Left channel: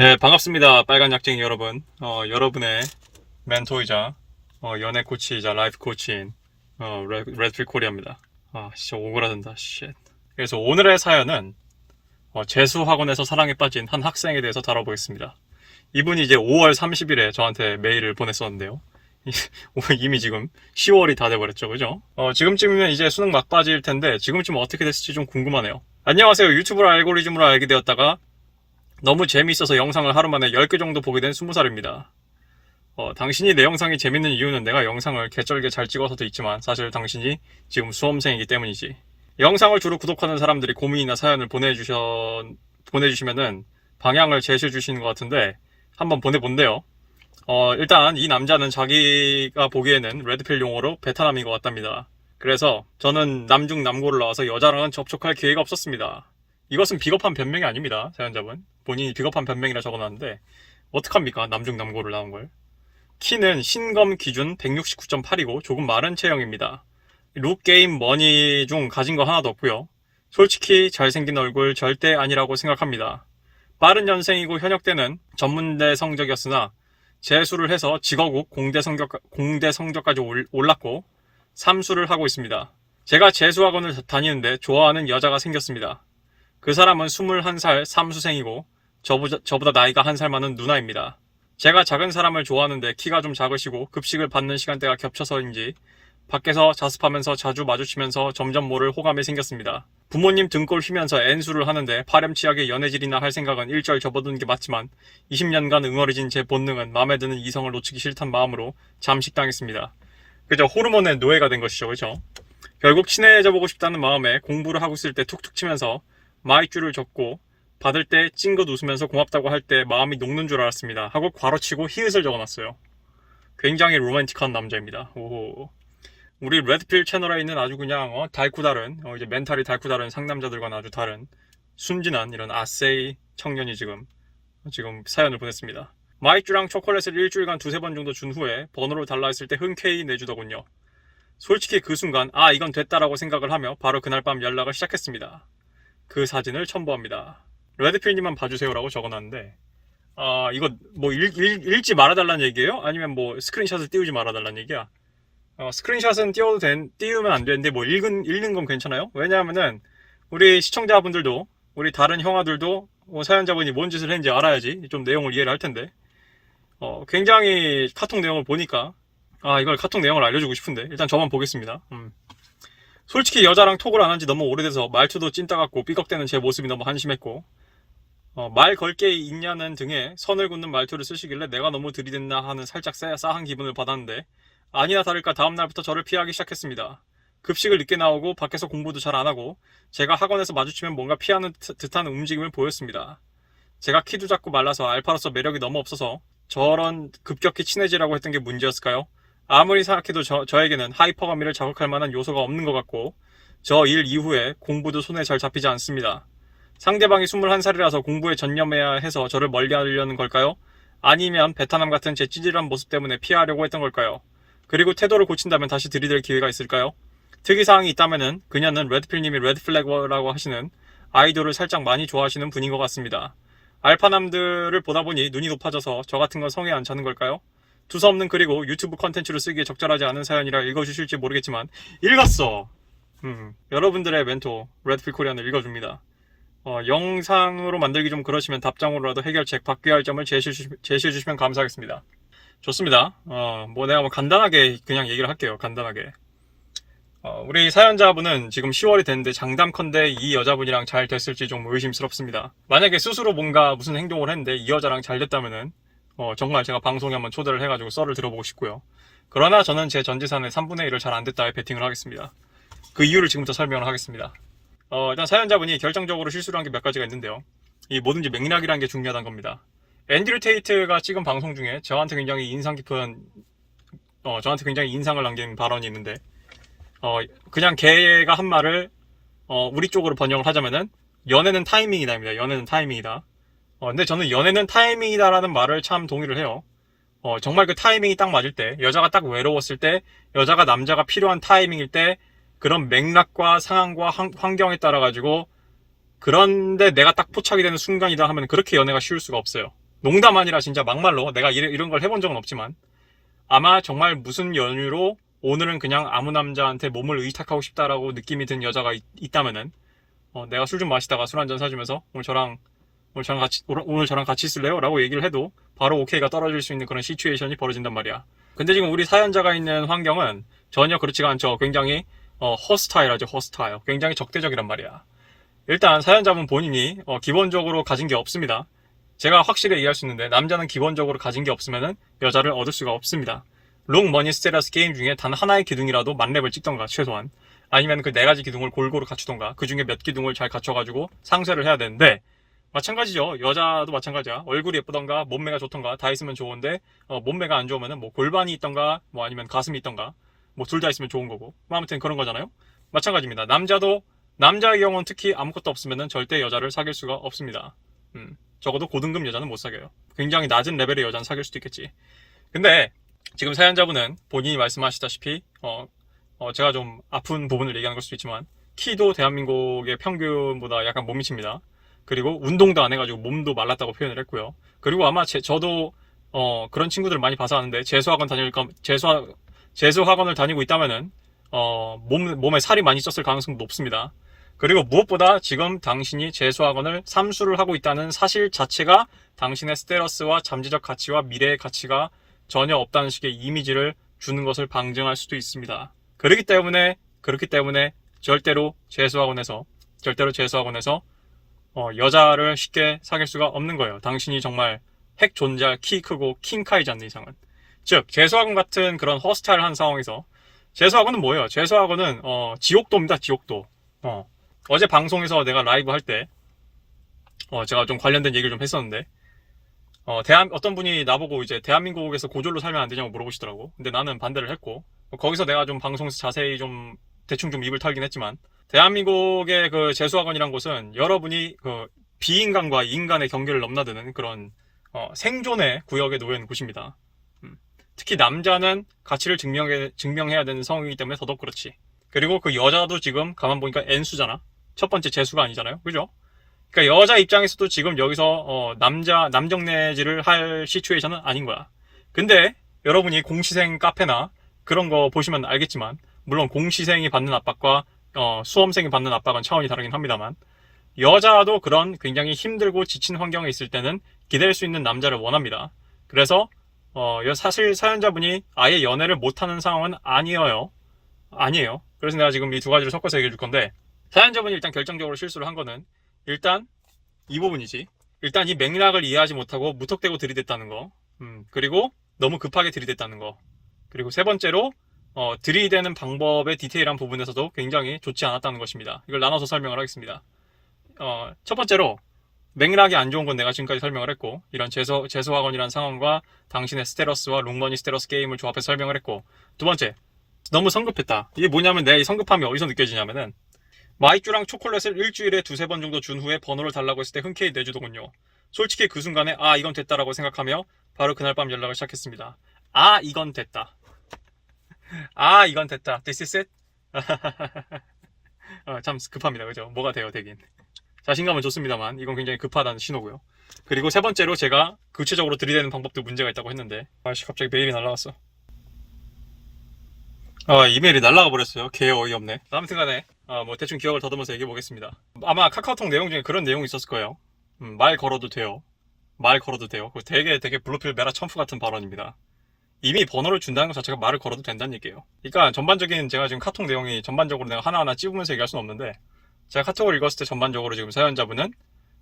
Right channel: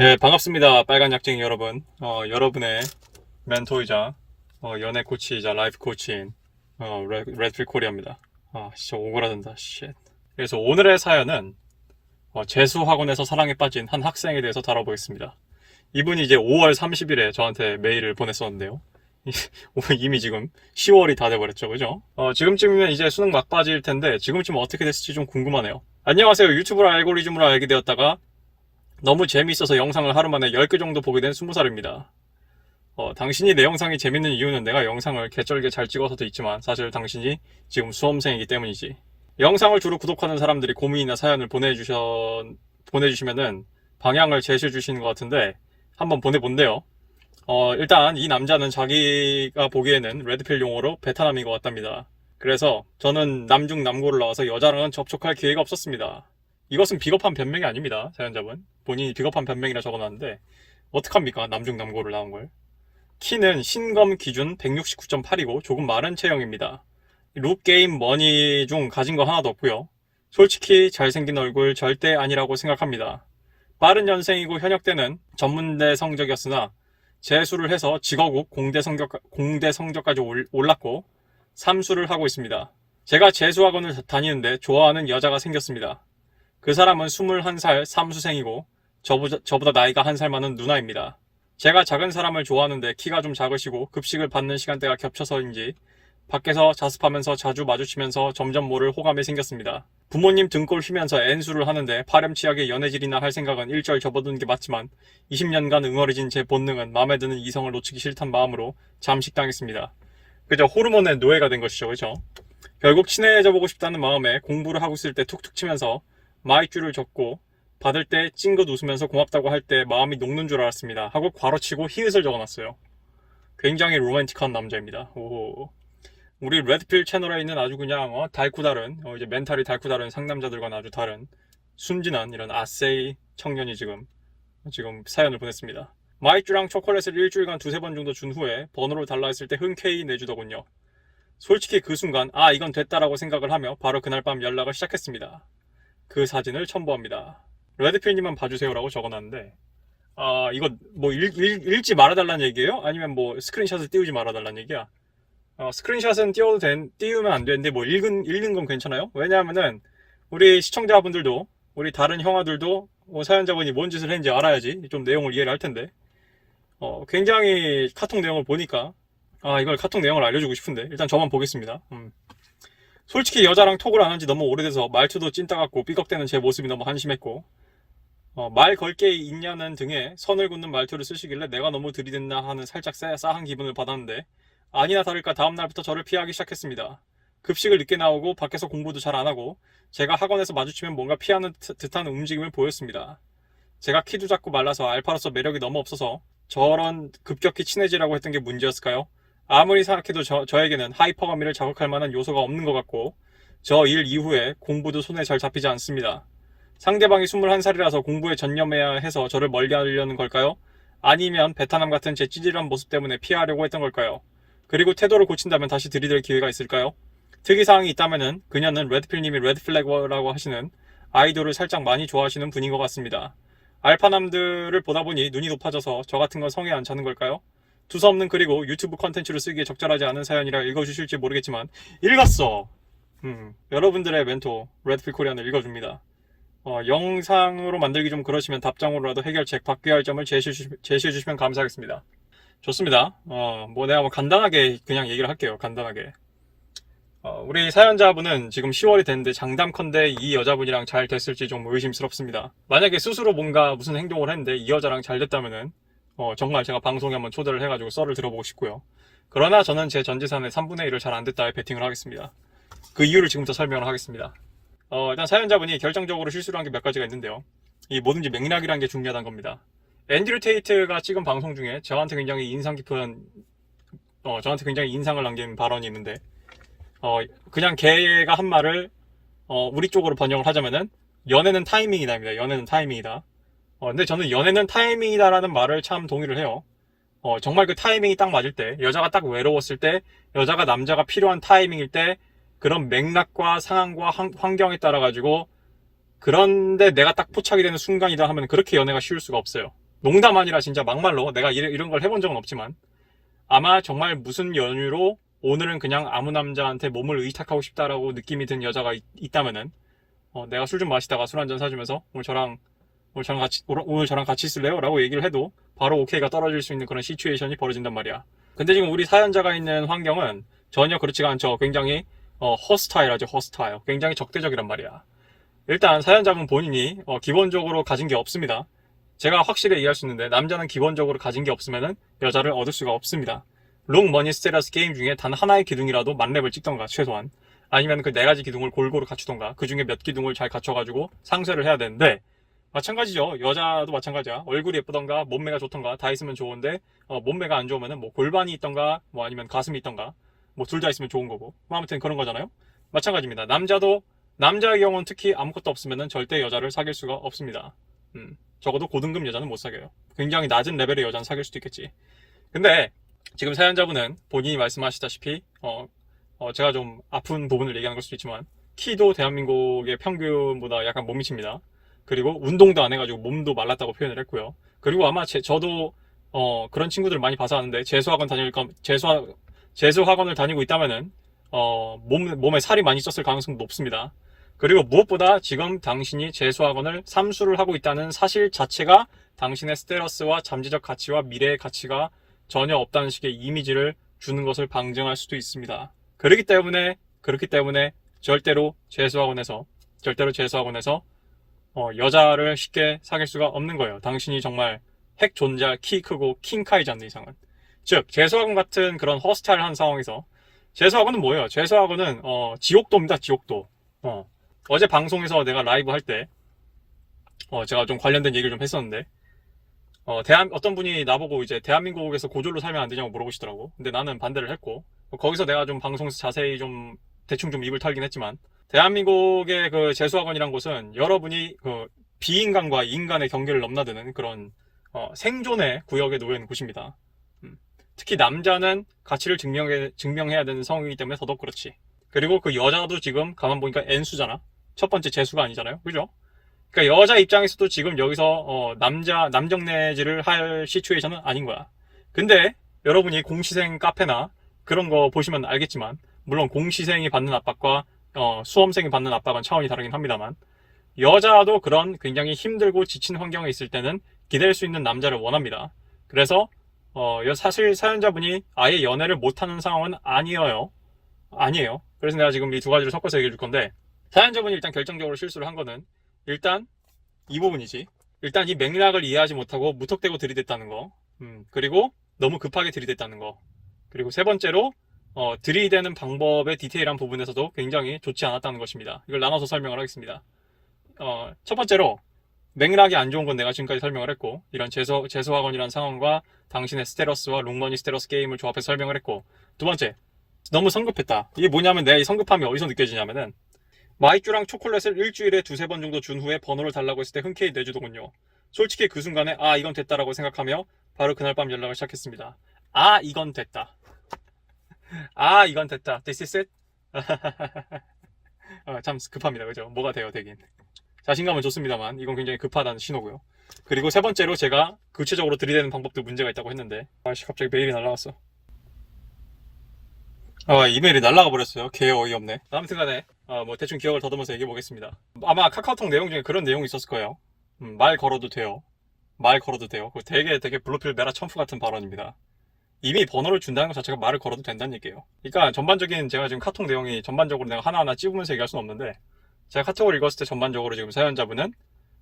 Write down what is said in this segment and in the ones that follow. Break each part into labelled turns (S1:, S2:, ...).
S1: 네, 반갑습니다. 빨간 약쟁이 여러분. 어, 여러분의 멘토이자 어, 연애 코치이자 라이프 코치인 어, 레- 레드필 코리아입니다. 아, 진짜 오그라든다. 쉣. 그래서 오늘의 사연은 어, 재수 학원에서 사랑에 빠진 한 학생에 대해서 다뤄보겠습니다. 이분이 이제 5월 30일에 저한테 메일을 보냈었는데요. 이미 지금 10월이 다 돼버렸죠, 그죠? 어, 지금쯤이면 이제 수능 막바지일 텐데 지금쯤 어떻게 됐을지 좀 궁금하네요. 안녕하세요. 유튜브로 알고리즘으로 알게 되었다가 너무 재미있어서 영상을 하루 만에 10개 정도 보게 된 20살입니다. 어, 당신이 내 영상이 재밌는 이유는 내가 영상을 개쩔게 잘 찍어서도 있지만 사실 당신이 지금 수험생이기 때문이지. 영상을 주로 구독하는 사람들이 고민이나 사연을 보내주셔, 보내주시면은 방향을 제시해 주시는 것 같은데 한번 보내본대요. 어, 일단 이 남자는 자기가 보기에는 레드필 용어로 베트남인 것 같답니다. 그래서 저는 남중 남고를 나와서 여자랑은 접촉할 기회가 없었습니다. 이것은 비겁한 변명이 아닙니다. 사연자분. 본인이 비겁한 변명이라 적어놨는데 어떡합니까? 남중 남고를 나온 걸. 키는 신검 기준 169.8이고 조금 마른 체형입니다. 룩 게임 머니 중 가진 거 하나도 없고요. 솔직히 잘생긴 얼굴 절대 아니라고 생각합니다. 빠른 년생이고 현역 때는 전문대 성적이었으나 재수를 해서 직어국 공대 성적 공대 성적까지 올- 올랐고 삼수를 하고 있습니다. 제가 재수학원을 다니는데 좋아하는 여자가 생겼습니다. 그 사람은 21살 삼수생이고 저보다, 저보다 나이가 한 살 많은 누나입니다. 제가 작은 사람을 좋아하는데 키가 좀 작으시고 급식을 받는 시간대가 겹쳐서인지 밖에서 자습하면서 자주 마주치면서 점점 모를 호감이 생겼습니다. 부모님 등골 휘면서 N수를 하는데 파렴치하게 연애질이나 할 생각은 일절 접어두는 게 맞지만 20년간 응어리진 제 본능은 마음에 드는 이성을 놓치기 싫단 마음으로 잠식당했습니다. 그저 호르몬의 노예가 된 것이죠, 그죠? 결국 친해져 보고 싶다는 마음에 공부를 하고 있을 때 툭툭 치면서 마이쮸를 적고 받을 때 찡긋 웃으면서 고맙다고 할 때 마음이 녹는 줄 알았습니다. 하고 괄호치고 히읗을 적어놨어요. 굉장히 로맨틱한 남자입니다. 오. 우리 레드필 채널에 있는 아주 그냥 어, 달고 다른 어, 이제 멘탈이 달고 다른 상남자들과는 아주 다른 순진한 이런 아세이 청년이 지금 지금 사연을 보냈습니다. 마이쮸랑 초콜릿을 일주일간 두세 번 정도 준 후에 번호를 달라 했을 때 흔쾌히 내주더군요. 솔직히 그 순간 아 이건 됐다라고 생각을 하며 바로 그날 밤 연락을 시작했습니다. 그 사진을 첨부합니다. 레드필님만 봐주세요라고 적어놨는데 아 이거 뭐 읽, 읽, 읽 지 말아달라는 얘기예요? 아니면 뭐 스크린샷을 띄우지 말아달라는 얘기야? 어, 스크린샷은 띄워도 된, 띄우면 안 되는데 뭐 읽은, 읽는 건 괜찮아요? 왜냐하면은 우리 시청자분들도 우리 다른 형아들도 뭐 사연자분이 뭔 짓을 했는지 알아야지 좀 내용을 이해를 할 텐데 어, 굉장히 카톡 내용을 보니까 아 이걸 카톡 내용을 알려주고 싶은데 일단 저만 보겠습니다. 음. 솔직히 여자랑 톡을 안 한 지 너무 오래돼서 말투도 찐따 같고 삐걱대는 제 모습이 너무 한심했고 어, 말 걸게 있냐는 등의 선을 긋는 말투를 쓰시길래 내가 너무 들이댔나 하는 살짝 싸, 싸한 기분을 받았는데 아니나 다를까 다음날부터 저를 피하기 시작했습니다. 급식을 늦게 나오고 밖에서 공부도 잘 안 하고 제가 학원에서 마주치면 뭔가 피하는 듯- 듯한 움직임을 보였습니다. 제가 키도 작고 말라서 알파로서 매력이 너무 없어서 저런 급격히 친해지라고 했던 게 문제였을까요? 아무리 생각해도 저, 저에게는 하이퍼가미를 자극할 만한 요소가 없는 것 같고 저 일 이후에 공부도 손에 잘 잡히지 않습니다. 상대방이 21살이라서 공부에 전념해야 해서 저를 멀리하려는 걸까요? 아니면 베트남 같은 제 찌질한 모습 때문에 피하려고 했던 걸까요? 그리고 태도를 고친다면 다시 들이댈 기회가 있을까요? 특이사항이 있다면은 그녀는 레드필님이 레드플래그라고 하시는 아이돌을 살짝 많이 좋아하시는 분인 것 같습니다. 알파남들을 보다 보니 눈이 높아져서 저 같은 건 성에 안 차는 걸까요? 두서없는 그리고 유튜브 컨텐츠로 쓰기에 적절하지 않은 사연이라 읽어주실지 모르겠지만 읽었어! 음, 여러분들의 멘토 레드필 코리안을 읽어줍니다. 어, 영상으로 만들기 좀 그러시면 답장으로라도 해결책 바뀌어야 할 점을 제시해, 주시, 주시면 감사하겠습니다. 좋습니다. 어, 뭐 내가 뭐 간단하게 그냥 얘기를 할게요. 간단하게. 어, 우리 사연자분은 지금 10월이 됐는데 장담컨대 이 여자분이랑 잘 됐을지 좀 의심스럽습니다. 만약에 스스로 뭔가 무슨 행동을 했는데 이 여자랑 잘 됐다면은 어, 정말 제가 방송에 한번 초대를 해가지고 썰을 들어보고 싶고요. 그러나 저는 제 전재산의 3분의 1을 잘 안 됐다에 베팅을 하겠습니다. 그 이유를 지금부터 설명을 하겠습니다. 어, 일단 사연자분이 결정적으로 실수를 한 게 몇 가지가 있는데요. 이 뭐든지 맥락이라는 게 중요하다는 겁니다. 앤드류 테이트가 찍은 방송 중에 저한테 굉장히 인상 깊은 어, 저한테 굉장히 인상을 남긴 발언이 있는데 어, 그냥 걔가 한 말을 어, 우리 쪽으로 번역을 하자면은 연애는 타이밍이다입니다. 연애는 타이밍이다. 어, 근데 저는 연애는 타이밍이다라는 말을 참 동의를 해요. 어, 정말 그 타이밍이 딱 맞을 때, 여자가 딱 외로웠을 때, 여자가 남자가 필요한 타이밍일 때, 그런 맥락과 상황과 환- 환경에 따라 가지고 그런데 내가 딱 포착이 되는 순간이다 하면 그렇게 연애가 쉬울 수가 없어요. 농담 아니라 진짜 막말로 내가 이런, 걸 해본 적은 없지만 아마 정말 무슨 연유로 오늘은 그냥 아무 남자한테 몸을 의탁하고 싶다라고 느낌이 든 여자가 있, 있다면은 어, 내가 술 좀 마시다가 술 한 잔 사주면서 오늘 저랑 오늘 저랑 같이 오늘- 저랑 같이 있을래요? 라고 얘기를 해도 바로 오케이가 떨어질 수 있는 그런 시츄에이션이 벌어진단 말이야. 근데 지금 우리 사연자가 있는 환경은 전혀 그렇지가 않죠. 굉장히 어, 허스타일하죠. 허스타일. 굉장히 적대적이란 말이야. 일단 사연자분 본인이 어, 기본적으로 가진 게 없습니다. 제가 확실히 얘기할 수 있는데 남자는 기본적으로 가진 게 없으면은 여자를 얻을 수가 없습니다. 롱 머니 스테러스 게임 중에 단 하나의 기둥이라도 만렙을 찍던가 최소한 아니면 그 네 가지 기둥을 골고루 갖추던가 그 중에 몇 기둥을 잘 갖춰가지고 상쇄를 해야 되는데 마찬가지죠. 여자도 마찬가지야. 얼굴이 예쁘던가 몸매가 좋던가 다 있으면 좋은데 어, 몸매가 안 좋으면은 뭐 골반이 있던가 뭐 아니면 가슴이 있던가 뭐 둘 다 있으면 좋은 거고 뭐 아무튼 그런 거잖아요. 마찬가지입니다. 남자도 남자의 경우는 특히 아무것도 없으면은 절대 여자를 사귈 수가 없습니다. 음, 적어도 고등급 여자는 못 사귀어요. 굉장히 낮은 레벨의 여자는 사귈 수도 있겠지. 근데 지금 사연자분은 본인이 말씀하시다시피 어, 어, 제가 좀 아픈 부분을 얘기하는 걸 수도 있지만 키도 대한민국의 평균보다 약간 못 미칩니다. 그리고 운동도 안 해가지고 몸도 말랐다고 표현을 했고요. 그리고 아마 제, 저도 어, 그런 친구들을 많이 봐서 아는데 재수학원 다닐 거 재수 재수학원을 다니고 있다면은 어, 몸 몸에 살이 많이 쪘을 가능성도 높습니다. 그리고 무엇보다 지금 당신이 재수학원을 삼수를 하고 있다는 사실 자체가 당신의 스테러스와 잠재적 가치와 미래의 가치가 전혀 없다는 식의 이미지를 주는 것을 방증할 수도 있습니다. 그렇기 때문에 그렇기 때문에 절대로 재수학원에서 절대로 재수학원에서 어, 여자를 쉽게 사귈 수가 없는 거예요. 당신이 정말 핵 존재할 키 크고 킹카이지 않는 이상은. 즉 재수학원 같은 그런 허스타일한 상황에서 재수학원은 뭐예요? 재수학원은 어, 지옥도입니다. 지옥도. 어. 어제 방송에서 내가 라이브 할때 어, 제가 좀 관련된 얘기를 좀 했었는데 어, 대한, 어떤 분이 나보고 이제 대한민국에서 고졸로 살면 안 되냐고 물어보시더라고. 근데 나는 반대를 했고 어, 거기서 내가 좀 방송에서 자세히 좀 대충 좀 입을 털긴 했지만 대한민국의 그 재수학원이란 곳은 여러분이 그 비인간과 인간의 경계를 넘나드는 그런 어, 생존의 구역에 있는 곳입니다. 음. 특히 남자는 가치를 증명해, 증명해야 되는 상황이기 때문에 더더욱 그렇지. 그리고 그 여자도 지금 가만 보니까 N수잖아. 첫 번째 재수가 아니잖아요. 그죠? 그러니까 여자 입장에서도 지금 여기서 어, 남자 남정내지를 할 시츄에이션은 아닌 거야. 근데 여러분이 공시생 카페나 그런 거 보시면 알겠지만 물론 공시생이 받는 압박과 어, 수험생이 받는 압박은 차원이 다르긴 합니다만 여자도 그런 굉장히 힘들고 지친 환경에 있을 때는 기댈 수 있는 남자를 원합니다. 그래서 어, 여- 사실 사연자분이 아예 연애를 못하는 상황은 아니에요. 아니에요. 그래서 내가 지금 이 두 가지를 섞어서 얘기해 줄 건데 사연자분이 일단 결정적으로 실수를 한 거는 일단 이 부분이지. 일단 이 맥락을 이해하지 못하고 무턱대고 들이댔다는 거. 음, 그리고 너무 급하게 들이댔다는 거. 그리고 세 번째로 어, 들이대는 방법의 디테일한 부분에서도 굉장히 좋지 않았다는 것입니다. 이걸 나눠서 설명을 하겠습니다. 어, 첫 번째로 맥락이 안 좋은 건 내가 지금까지 설명을 했고 이런 재수, 재수학원이라는 상황과 당신의 스테러스와 롱머니 스테러스 게임을 조합해서 설명을 했고 두 번째 너무 성급했다. 이게 뭐냐면 내 이 성급함이 어디서 느껴지냐면은 마이쮸랑 초콜릿을 일주일에 두세 번 정도 준 후에 번호를 달라고 했을 때 흔쾌히 내주더군요. 솔직히 그 순간에 아 이건 됐다라고 생각하며 바로 그날 밤 연락을 시작했습니다. 아 이건 됐다. 아 이건 됐다. This is it? 어, 참 급합니다. 그죠? 뭐가 돼요 되긴. 자신감은 좋습니다만 이건 굉장히 급하다는 신호고요. 그리고 세 번째로 제가 구체적으로 들이대는 방법도 문제가 있다고 했는데 아씨 갑자기 메일이 날라갔어. 아 이메일이 날라가 버렸어요. 개 어이없네. 아무튼간에 어, 뭐 대충 기억을 더듬어서 얘기해 보겠습니다. 아마 카카오톡 내용 중에 그런 내용이 있었을 거예요. 음, 말 걸어도 돼요. 말 걸어도 돼요. 되게 되게 블루필 메라 첨프 같은 발언입니다. 이미 번호를 준다는 것 자체가 말을 걸어도 된다는 얘기예요. 그러니까 전반적인 제가 지금 카톡 내용이 전반적으로 내가 하나하나 찝으면서 얘기할 수는 없는데 제가 카톡을 읽었을 때 전반적으로 지금 사연자분은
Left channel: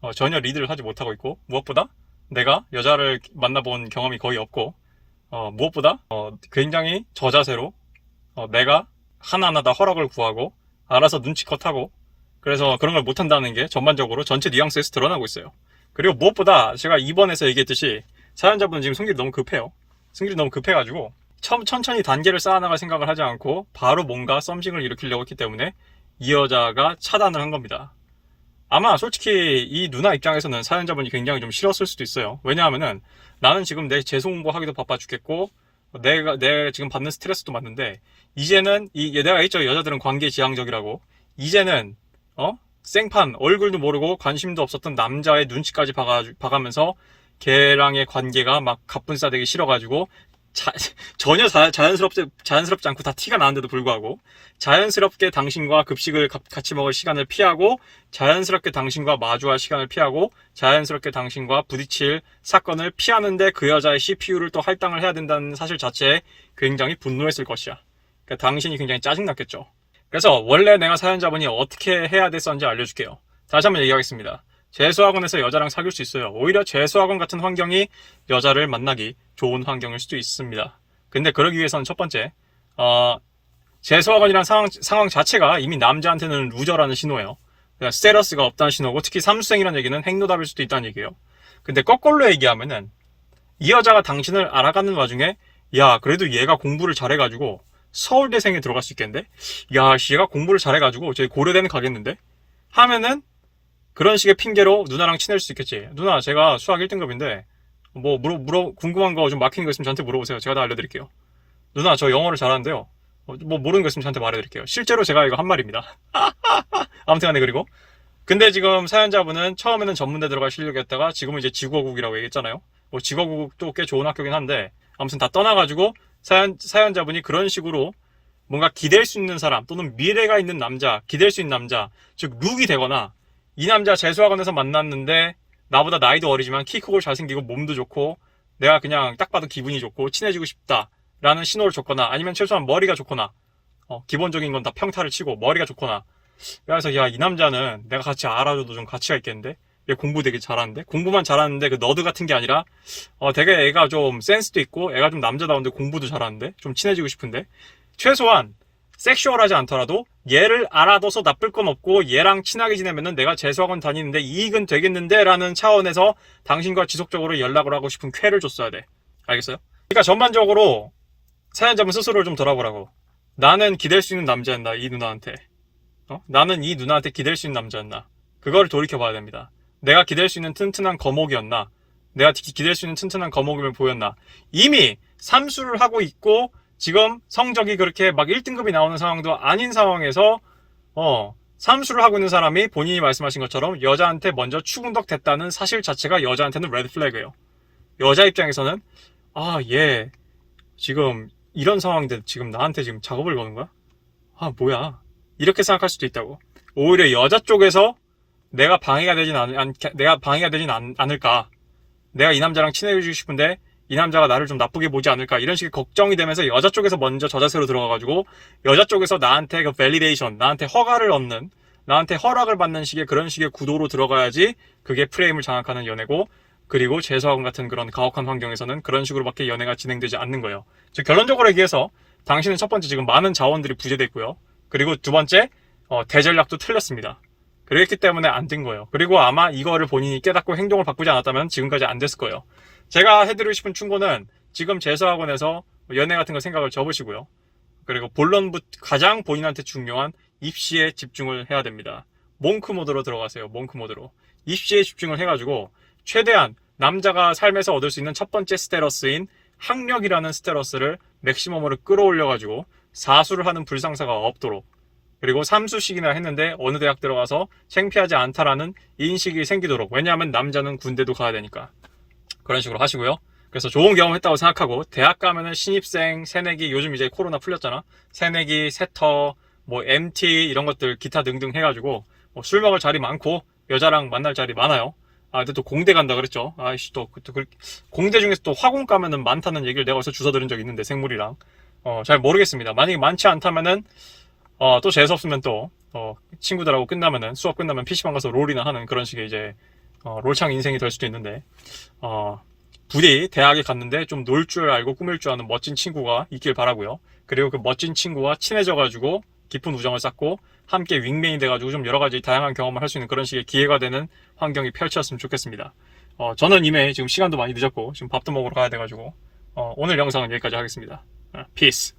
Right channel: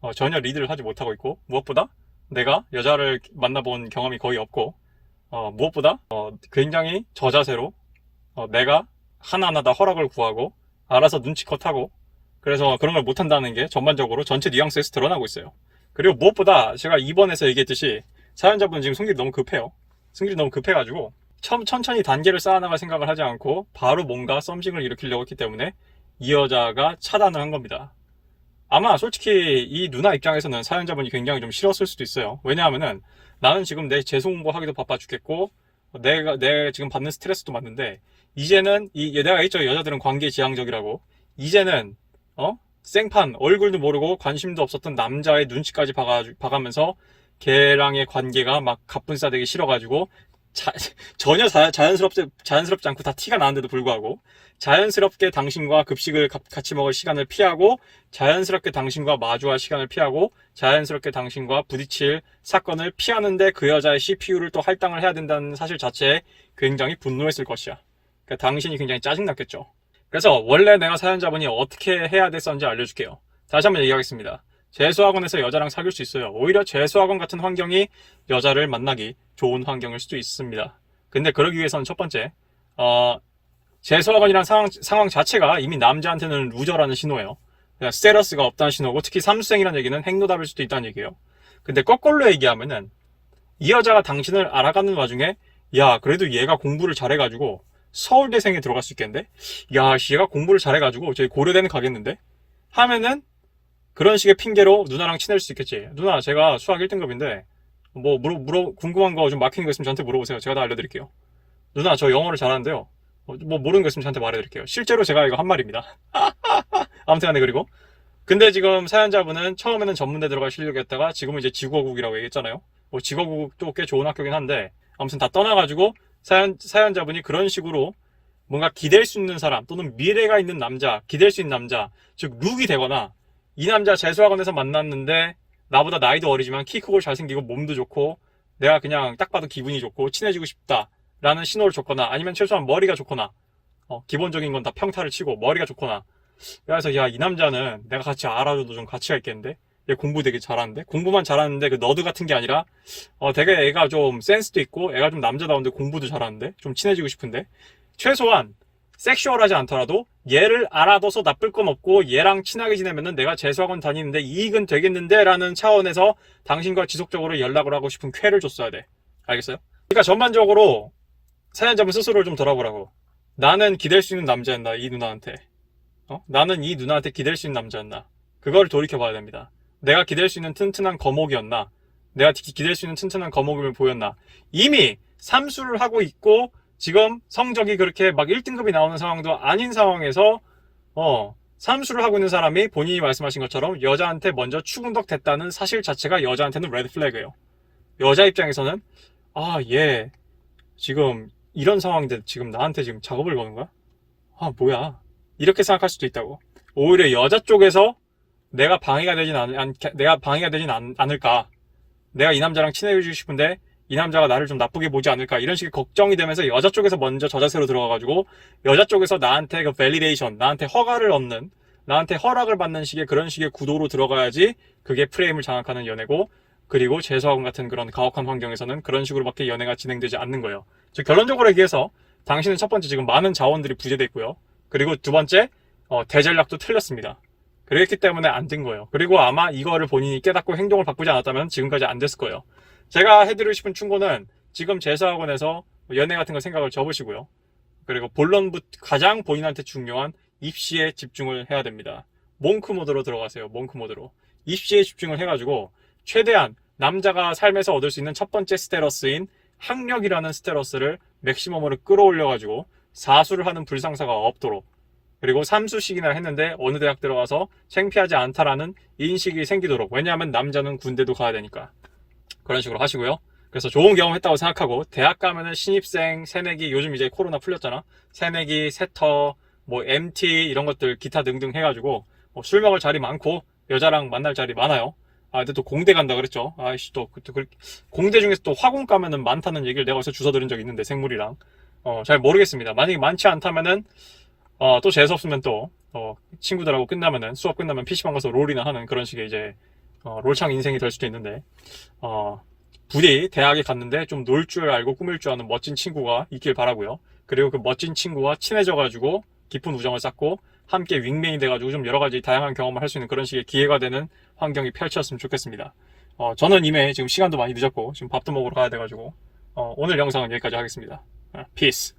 S1: 어, 전혀 리드를 하지 못하고 있고 무엇보다 내가 여자를 만나본 경험이 거의 없고 어, 무엇보다 어, 굉장히 저자세로 어, 내가 하나하나 다 허락을 구하고 알아서 눈치껏 하고 그래서 그런 걸 못한다는 게 전반적으로 전체 뉘앙스에서 드러나고 있어요. 그리고 무엇보다 제가 2번에서 얘기했듯이 사연자분은 지금 승질이 너무 급해요. 승질이 너무 급해가지고 천, 천천히 단계를 쌓아나갈 생각을 하지 않고 바로 뭔가 썸씽을 일으키려고 했기 때문에 이 여자가 차단을 한 겁니다. 아마 솔직히 이 누나 입장에서는 사연자분이 굉장히 좀 싫었을 수도 있어요. 왜냐하면은 나는 지금 내 재수 공부하기도 바빠 죽겠고 내가 내 지금 받는 스트레스도 많은데 이제는 이 내가 했죠 여자들은 관계 지향적이라고 이제는 어 생판 얼굴도 모르고 관심도 없었던 남자의 눈치까지 봐가, 봐가면서 걔랑의 관계가 막 가뿐싸되기 싫어가지고 자, 전혀 자, 자연스럽지, 자연스럽지 않고 다 티가 나는데도 불구하고 자연스럽게 당신과 급식을 가- 같이 먹을 시간을 피하고 자연스럽게 당신과 마주할 시간을 피하고 자연스럽게 당신과 부딪힐 사건을 피하는데 그 여자의 CPU를 또 할당을 해야 된다는 사실 자체에 굉장히 분노했을 것이야. 그러니까 당신이 굉장히 짜증났겠죠. 그래서 원래 내가 사연자분이 어떻게 해야 됐었는지 알려줄게요. 다시 한번 얘기하겠습니다. 재수학원에서 여자랑 사귈 수 있어요. 오히려 재수학원 같은 환경이 여자를 만나기 좋은 환경일 수도 있습니다. 근데 그러기 위해서는 첫 번째, 어, 재수학원이라는 상황, 상황 자체가 이미 남자한테는 루저라는 신호예요. 그러니까 스테러스가 없다는 신호고 특히 삼수생이라는 얘기는 행노답일 수도 있다는 얘기예요. 근데 거꾸로 얘기하면은 이 여자가 당신을 알아가는 와중에 야 그래도 얘가 공부를 잘해가지고 서울대생에 들어갈 수 있겠는데? 야, 씨, 얘가 공부를 잘해가지고 저희 고려대는 가겠는데? 하면은 그런 식의 핑계로 누나랑 친해질 수 있겠지. 누나, 제가 수학 1등급인데 뭐 물어, 물어 궁금한 거 좀 막히는 거 있으면 저한테 물어보세요. 제가 다 알려드릴게요. 누나, 저 영어를 잘하는데요. 어, 뭐 모르는 거 있으면 저한테 말해드릴게요. 실제로 제가 이거 한 말입니다. 아무튼 간에 그리고 근데 지금 사연자분은 처음에는 전문대 들어갈 실력이었다가 지금은 이제 지구어국이라고 얘기했잖아요. 뭐 지구어국도 꽤 좋은 학교긴 한데 아무튼 다 떠나가지고 사연, 사연자분이 그런 식으로 뭔가 기댈 수 있는 사람 또는 미래가 있는 남자, 기댈 수 있는 남자, 즉 룩이 되거나 이 남자 재수학원에서 만났는데 나보다 나이도 어리지만 키 크고 잘생기고 몸도 좋고 내가 그냥 딱 봐도 기분이 좋고 친해지고 싶다라는 신호를 줬거나 아니면 최소한 머리가 좋거나 어, 기본적인 건 다 평타를 치고 머리가 좋거나. 그래서 야 이 남자는 내가 같이 알아줘도 좀 가치가 있겠는데? 얘 공부 되게 잘하는데? 공부만 잘하는데 그 너드 같은 게 아니라 어 되게 애가 좀 센스도 있고 애가 좀 남자다운데 공부도 잘하는데 좀 친해지고 싶은데? 최소한 섹슈얼하지 않더라도 얘를 알아둬서 나쁠 건 없고 얘랑 친하게 지내면은 내가 재수학원 다니는데 이익은 되겠는데 라는 차원에서 당신과 지속적으로 연락을 하고 싶은 쾌를 줬어야 돼. 알겠어요? 그러니까 전반적으로 사연자분 스스로를 좀 돌아보라고. 나는 기댈 수 있는 남자였나 이 누나한테? 어? 나는 이 누나한테 기댈 수 있는 남자였나? 그걸 돌이켜봐야 됩니다. 내가 기댈 수 있는 튼튼한 거목이었나? 내가 기- 기댈 수 있는 튼튼한 거목임을 보였나? 이미 삼수를 하고 있고 지금 성적이 그렇게 막 1등급이 나오는 상황도 아닌 상황에서 어 삼수를 하고 있는 사람이 본인이 말씀하신 것처럼 여자한테 먼저 추근덕 됐다는 사실 자체가 여자한테는 레드 플래그예요. 여자 입장에서는 아 얘 지금 이런 상황인데 지금 나한테 지금 작업을 거는 거야? 아 뭐야? 이렇게 생각할 수도 있다고. 오히려 여자 쪽에서 내가 방해가 되진 않, 않 내가 방해가 되진 않, 않을까. 내가 이 남자랑 친해지고 싶은데 이 남자가 나를 좀 나쁘게 보지 않을까 이런 식의 걱정이 되면서 여자 쪽에서 먼저 저자세로 들어가가지고 여자 쪽에서 나한테 그 밸리데이션 나한테 허가를 얻는 나한테 허락을 받는 식의 그런 식의 구도로 들어가야지 그게 프레임을 장악하는 연애고 그리고 재수학원 같은 그런 가혹한 환경에서는 그런 식으로밖에 연애가 진행되지 않는 거예요. 즉 결론적으로 얘기해서 당신은 첫 번째 지금 많은 자원들이 부재돼 있고요. 그리고 두 번째 어, 대전략도 틀렸습니다. 그랬기 때문에 안 된 거예요. 그리고 아마 이거를 본인이 깨닫고 행동을 바꾸지 않았다면 지금까지 안 됐을 거예요. 제가 해드리고 싶은 충고는 지금 재수학원에서 연애 같은 거 생각을 접으시고요. 그리고 본론부 가장 본인한테 중요한 입시에 집중을 해야 됩니다. 몽크 모드로 들어가세요. 몽크 모드로. 입시에 집중을 해가지고 최대한 남자가 삶에서 얻을 수 있는 첫 번째 스테러스인 학력이라는 스테러스를 맥시멈으로 끌어올려가지고 사수를 하는 불상사가 없도록 그리고 삼수식이나 했는데 어느 대학 들어가서 창피하지 않다라는 인식이 생기도록 왜냐하면 남자는 군대도 가야 되니까 그런 식으로 하시고요. 그래서 좋은 경험 했다고 생각하고 대학 가면은 신입생, 새내기 요즘 이제 코로나 풀렸잖아. 새내기, 세터, 뭐 MT 이런 것들 기타 등등 해가지고 뭐 술 먹을 자리 많고 여자랑 만날 자리 많아요. 아 근데 또 공대 간다 그랬죠. 아이씨 또, 또 그, 공대 중에서 또 화공 가면은 많다는 얘기를 내가 어디서 주워 들은 적 있는데 생물이랑 어 잘 모르겠습니다. 만약에 많지 않다면은 어, 또 재수 없으면 또, 어, 친구들하고 끝나면은, 수업 끝나면 PC방 가서 롤이나 하는 그런 식의 이제, 어, 롤창 인생이 될 수도 있는데, 어, 부디 대학에 갔는데 좀 놀 줄 알고 꾸밀 줄 아는 멋진 친구가 있길 바라고요 그리고 그 멋진 친구와 친해져가지고, 깊은 우정을 쌓고, 함께 윙맨이 돼가지고 좀 여러 가지 다양한 경험을 할 수 있는 그런 식의 기회가 되는 환경이 펼쳐졌으면 좋겠습니다. 어, 저는 이미 지금 시간도 많이 늦었고, 지금 밥도 먹으러 가야 돼가지고, 어, 오늘 영상은 여기까지 하겠습니다. 어, 피스.